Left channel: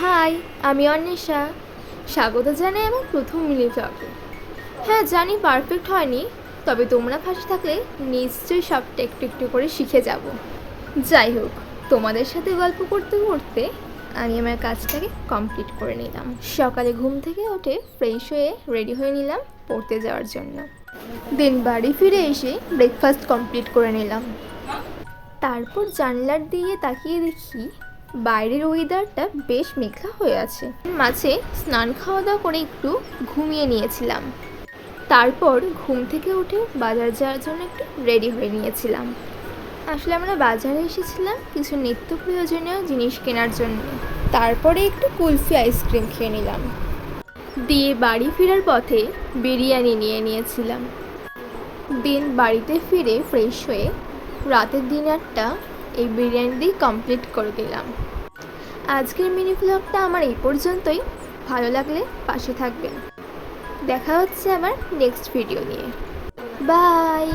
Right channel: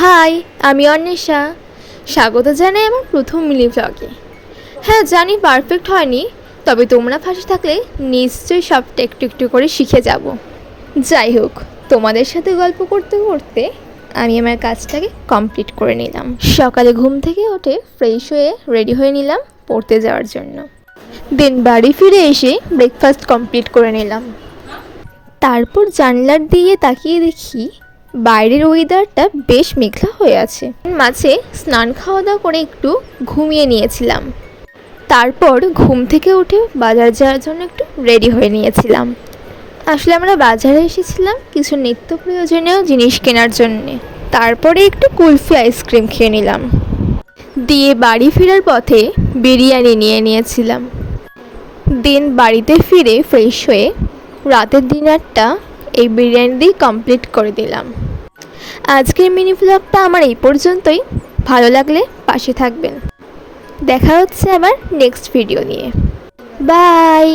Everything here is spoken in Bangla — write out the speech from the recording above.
হাই, আমি অন্বেষা। স্বাগত জানাই আমার প্রথম মিনি ব্লগে। হ্যাঁ জানি পারফেক্ট হয়নি, তবে তোমরা পাশে থাকলে নিশ্চয়ই সবটা একটু একটু করে শিখে যাব। যাই হোক, তোমাদের সাথে গল্প করতে করতে আমি আমার কাজটাকে কমপ্লিট করে নিলাম। সকালে ঘুম থেকে উঠে ফ্রেশ হয়ে রেডি হয়ে নিলাম পড়তে যাওয়ার জন্য। দেন বাড়ি ফিরে এসে ব্রেকফাস্ট কমপ্লিট করে নিলাম। তারপর জানলার দিয়ে তাকিয়ে দেখি বাইরের ওয়েদারটা বেশ মেঘলা হয়ে আছে। মাঝে স্নান খাওয়া দাওয়া করে একটু ঘুমিয়ে নিয়েছিলাম। তারপর ঘুম থেকে উঠে বাজার যাওয়ার জন্য একটু রেডি হয়ে নিয়েছিলাম। আসলে আমরা বাজারে এসেছিলাম কিছু নিত্য প্রয়োজনীয় জিনিস কেনার জন্যে। তারপরে একটু কুলফি আইসক্রিম খেয়ে নিলাম। দিয়ে বাড়ি ফেরার পথে বিরিয়ানি নিয়ে নিয়েছিলাম। দেন বাড়িতে ফিরে ফ্রেশ হয়ে রাতের ডিনারটা এই বিরিয়ানি দিয়ে কমপ্লিট করে দিলাম। আজকের মিনি ব্লগটা আমার এই পর্যন্তই। ভালো লাগলে পাশে থাকবেন। দেখা হচ্ছে আবার নেক্সট ভিডিও নিয়ে। বাই।